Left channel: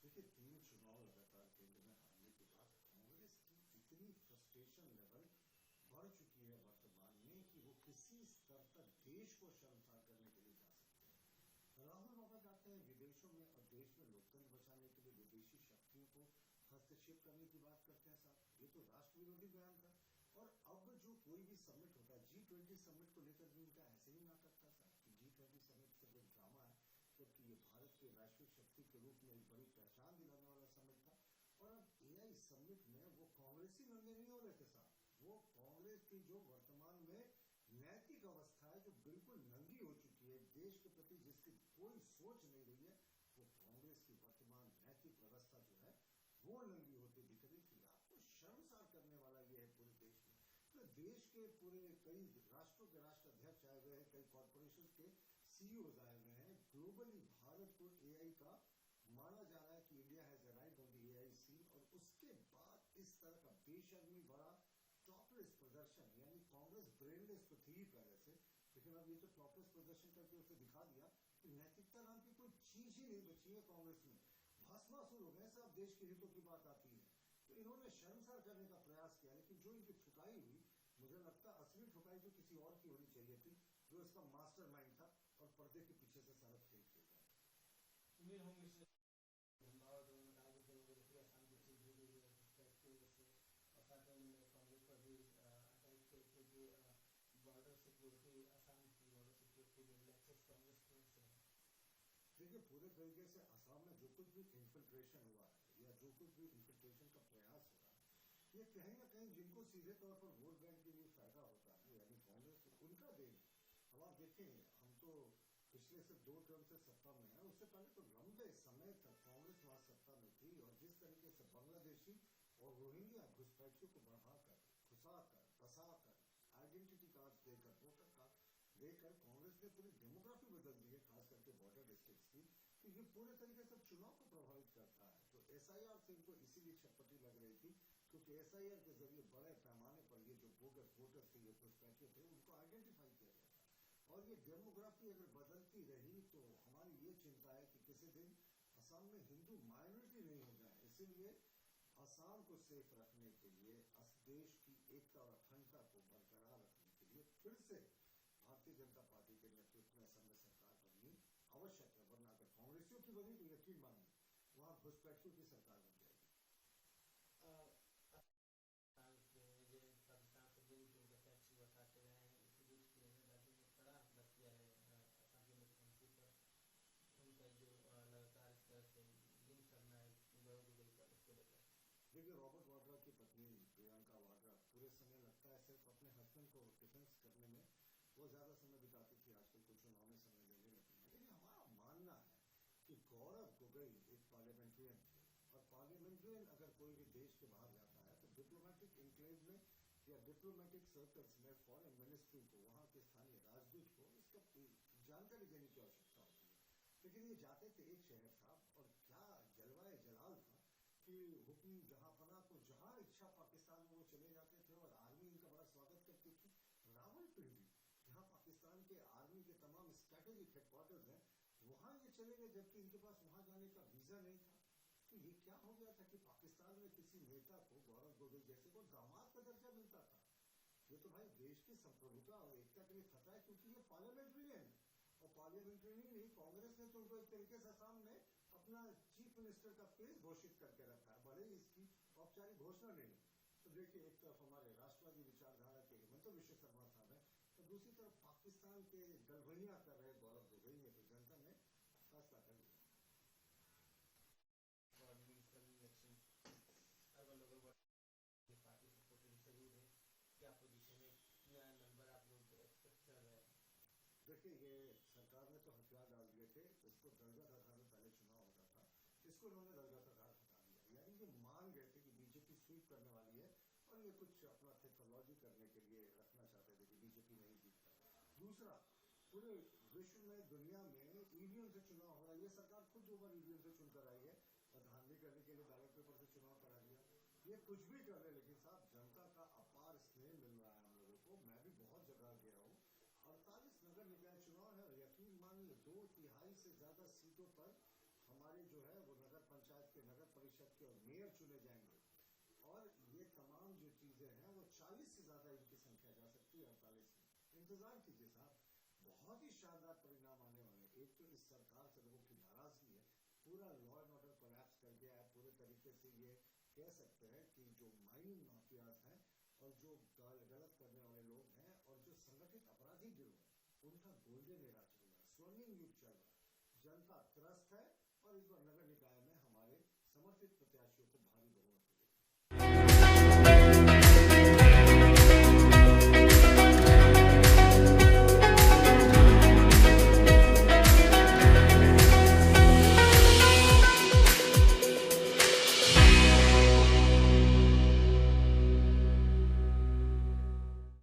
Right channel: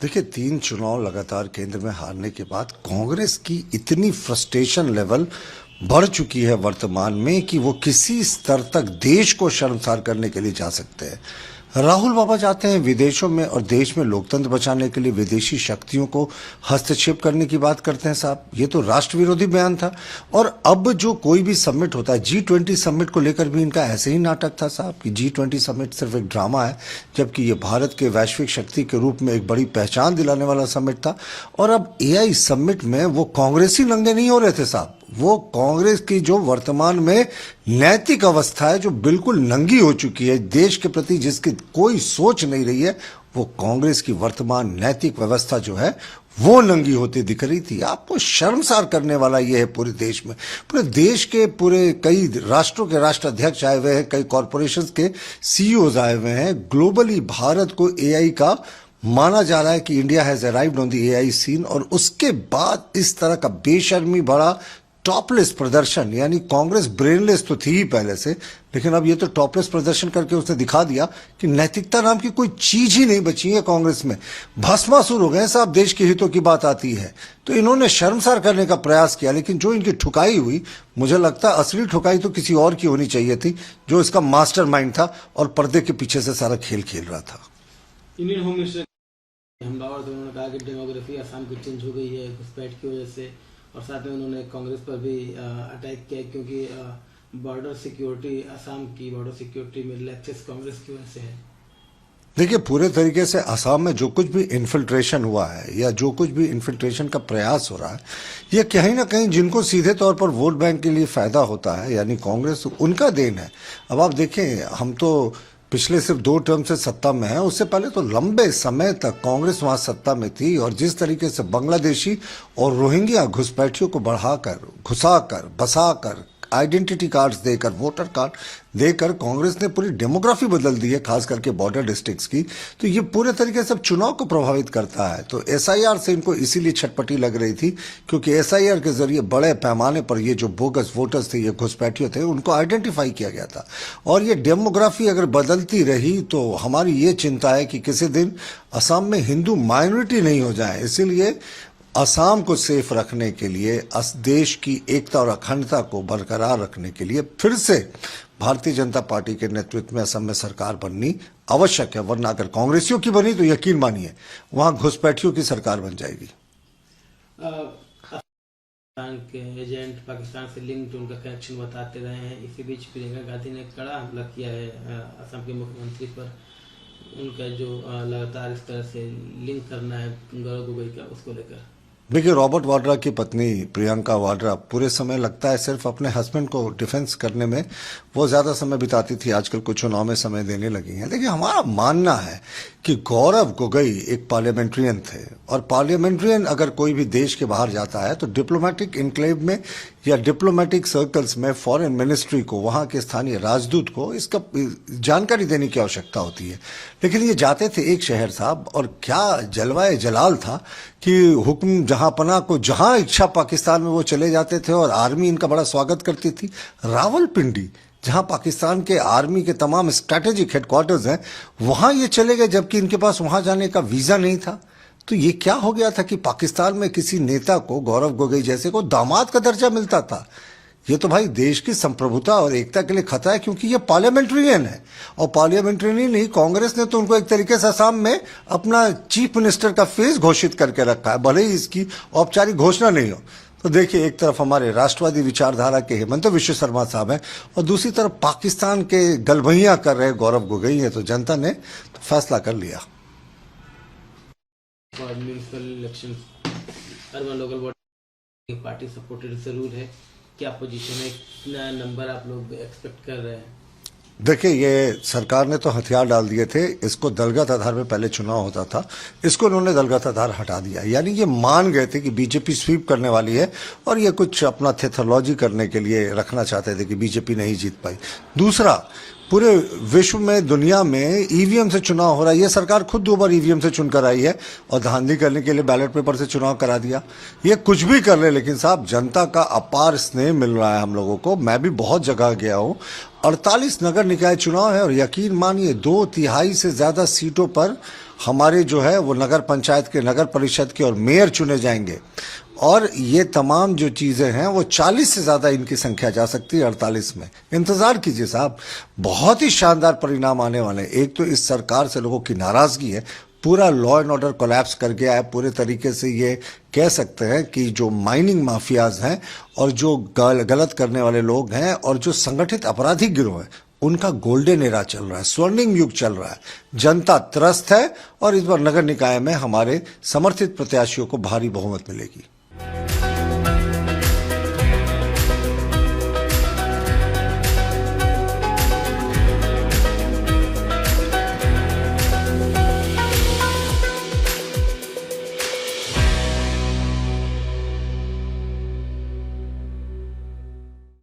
देखिए 3 चुनाव लगातार केंद्र में हारने के बाद कांग्रेस की इतनी फ्रस्ट्रेशन लेवल बढ़ चुकी है वर्तमान में कि वो किसी स्तर तक देश को शर्मसार करने के लिए जा सकते हैं। राहुल बाबा चाहते हैं विदेशों में और देश में लोकतंत्र बचाने के लिए विदेशी शक्तियों को हस्तक्षेप करने की बात करते हैं। साहब ये तो राष्ट्र विरोधी बयान था। और अब जो कोई भी समिट होता है G20 समिट को लेकर भी इनका ऐसे ही नाटक था साहब कि G20 समिट सिर्फ एक ड्रामा है, जबकि ये भारत के वैश्विक शक्ति के रूप में एक बड़ी पहचान दिलाने वाला समिट था। और अब AI समिट में वो कांग्रेसी नंगे नहीं हो रहे थे साहब, वो कांग्रेस की जो वर्तमान में नैतिक अवस्था है जो बिल्कुल नंगी हो चुकी है देश के प्रति, जिसकी कोई सोच नहीं रही है, वो कांग्रेस की वर्तमान नैतिक व्यवस्था जो है वो नंगी होती दिख रही थी। आपको शर्मसार करने वाला ये है पूरे देश में, पूरे देश के पूरे कई राष्ट्रों के राष्ट्राध्यक्ष आए हुए हैं, कई कॉरपोरेशंस के CEOs आए हुए हैं। ग्लोबली भारत को AI का माना जा रहा है कि India has arrived on the AI scene, और उसके बाद इस तरह का बेशर्मी भरा टॉपलेस प्रदर्शन, यानी कांग्रेस ब्रेनलेस तो थी ही पहले से, लेकिन अब ये तो टॉपलेस प्रदर्शन करके उसने दिखा दिया कि नैतिकता नाम की कोई चीज ही नहीं बची है कांग्रेस में। भस्मासुर हो गए साहब, देश के हितों की बात आती है तो इन्होंने शर्मसार करने का प्रयास किया, लेकिन जो इनकी ठुकाई हुई, मुझे लगता है असली ठुकाई तो किसी और की होनी चाहिए थी, जो इसका मास्टरमाइंड था और पर्दे के पीछे से सारा खेल खेल रहा था। इंडियन होम मिनिस्टर हमलावर थे, उन्होंने कहा कि डेमोग्राफी असम की चेंज हो गई है घुसपैठ की वजह से, और साथ में उन्होंने कांग्रेस पर भी अटैक किया क्योंकि बॉर्डर सिक्योरिटी, असम की बॉर्डर सिक्योरिटी में लैप्सेस कांग्रेस की वजह से है। देखिए पूरे तरीके से असम में जो कुछ भी इन्फिल्ट्रेशन हुआ है या जो कुछ भी इन्फिल्ट्रेशन का प्रयास हो रहा है, ये कहीं ना कहीं जिनको सीधे तौर पर वोट बैंक के लिए फायदा होता है, यानी कांग्रेस, उनका देन है। अब आप देखें, हम तो पिछले सिर्फ 2 टर्म से सत्ता में है, उससे पहले तो लंबे समय तक कांग्रेस वहां सत्ता में थी, और जिस तरीके से बांग्लादेशी और रोहिंग्या घुसपैठियों को बढ़ाकर, घुसाकर, बसाकर, आइडेंटिटी कार्ड्स देकर, वोटर कार्ड देकर कांग्रेस ने पूरी डेमोग्राफी बदल दी है, खास करके बॉर्डर डिस्ट्रिक्ट्स की। तो ये पूरे तरीके से चुनाव को प्रभावित करता है। तो SIR से इनको इसीलिए छटपटी लग रही थी, क्योंकि SIR के जरिए बड़े पैमाने पर ये जो बोगस वोटर्स थे, ये घुसपैठियों थे, उनको आइडेंटिफाई किया गया था। और ये डेमोग्राफी अगर बदलती रही तो हमारी ये चिंता है कि किसी दिन असम में हिंदू माइनॉरिटी नहीं हो जाए। इसीलिए असम को सेफ रखने के लिए, देश की एकता और अखंडता को बरकरार रखने के लिए फिर से भारतीय जनता पार्टी के नेतृत्व में असम में सरकार बननी आवश्यक है, वरना अगर कांग्रेसियों की बनी तो यकीन मानिए वहां घुसपैठियों की सरकार बन जाएगी। पाकिस्तान के एजेंट, पाकिस्तान से लिंक्ड उनका कनेक्शन बताते रहे हैं। इसी बीच प्रियंका गांधी ने कड़ा हमला किया है असम के मुख्यमंत्री पर, उनका जो लगातार इस तरह से लिंक करना है गौरव गोगोई का, उसको लेकर। देखिए रॉबर्ट वाड्रा की पत्नी प्रियंका वाड्रा पूरे समय लगता है सिर्फ अपने हस्बैंड को डिफेंस करने में वो ज़्यादा समय बिताती थी, आजकल कुछ चुनाव में समय देने लगी हैं। देखिए हमारा मानना है कि गौरव गोगोई एक पार्लियामेंट्रियन थे, और पार्लियामेंट्रियन अगर कोई भी देश के बाहर जाता है तो डिप्लोमेटिक इनक्लेव में या डिप्लोमेटिक सर्कल्स में फॉरेन मिनिस्ट्री को, वहाँ के स्थानीय राजदूत को इसका जानकारी देने की आवश्यकता होती है। लेकिन ये जाते थे एक शहर साहब, और क्या जलवाए जलाल था कि हुक्म जहां पना को जहां इच्छा पाकिस्तान में वो चले जाते थे, और आर्मी इनका बड़ा स्वागत करती थी। रावलपिंडी, जहां पाकिस्तान के आर्मी के तमाम स्ट्रैटेजिक हेडक्वार्टर्स हैं, वहां ये चले गए, जबकि इनके पास वहां जाने का वीजा नहीं था। तो ये क्या हो गया था कि पाकिस्तान में किसी नेता को, गौरव गोगोई जैसे को, दामाद का दर्जा मिलता था। ये तो भाई देश की संप्रभुता और एकता के लिए खतरा है, क्योंकि ये पार्लियामेंट्रियन है, और पार्लियामेंट्रियन नहीं, कांग्रेस ने तो उनको एक तरीके से असम में अपना चीफ मिनिस्टर का फेस घोषित करके रखा है, भले ही इसकी औपचारिक घोषणा नहीं हो। तो देखिए एक तरफ हमारे राष्ट्रवादी विचारधारा के हेमंत विश्व शर्मा साहब हैं, और दूसरी तरफ पाकिस्तान के गलभैया कर रहे गौरव गोगोई है। तो जनता ने तो फैसला कर लिया। और municipal election, urban local body party supported जरूर है, क्या पोजीशन है, कितना नंबर आप लोग एक्सपेक्ट कर रहे हैं? देखिए ये सरकार ने तो हथियार डाल दिए थे, इसको दलगत आधार में पहले चुनाव होता था, इसको उन्होंने दलगत आधार हटा दिया। यानी ये मान गए थे कि बीजेपी स्वीप करने वाली है, और ये कुछ अपना थेथोलॉजी करने के लिए रखना चाहते थे कि बीजेपी नहीं जीत पाई। दूसरा, पूरे विश्व में, दुनिया में ईवीएम से चुनाव हो रहा है, ये सरकार खुद 2 बार ईवीएम से चुनकर आई है, और धांधली करने के लिए बैलेट पेपर से चुनाव करा दिया। ये कुछ भी कर ले, लेकिन साहब जनता का अपार स्नेह मिल रहा है हम लोगों को। मैं भी बहुत जगह गया हूँ, 48 नगर निकाय चुनाव है, और यकीन मानिए 2/3 से ज्यादा सीटों पर हमारे जो है वो नगर पंचायत के, नगर परिषद के और मेयर चुने जाएंगे। और ये तमाम जो चीज़ें हैं वो 40 से ज़्यादा इनकी संख्या जा सकती है 48 में। इंतज़ार कीजिए साहब, बहुत ही शानदार परिणाम आने वाले हैं। एक तो इस सरकार से लोगों की नाराज़गी है, पूरा लॉ एंड ऑर्डर कोलैप्स कर गया है। पूरे तरीके से ये कह सकते हैं कि जो माइनिंग माफियाज हैं और जो गलत करने वाले लोग हैं और जो संगठित आपराधिक गिरोह हैं, उनका गोल्डन एरा चल रहा है, स्वर्णिम युग चल रहा है। जनता त्रस्त है और इस बार नगर निकाय में हमारे समर्थित प्रत्याशियों को भारी बहुमत मिलेगी।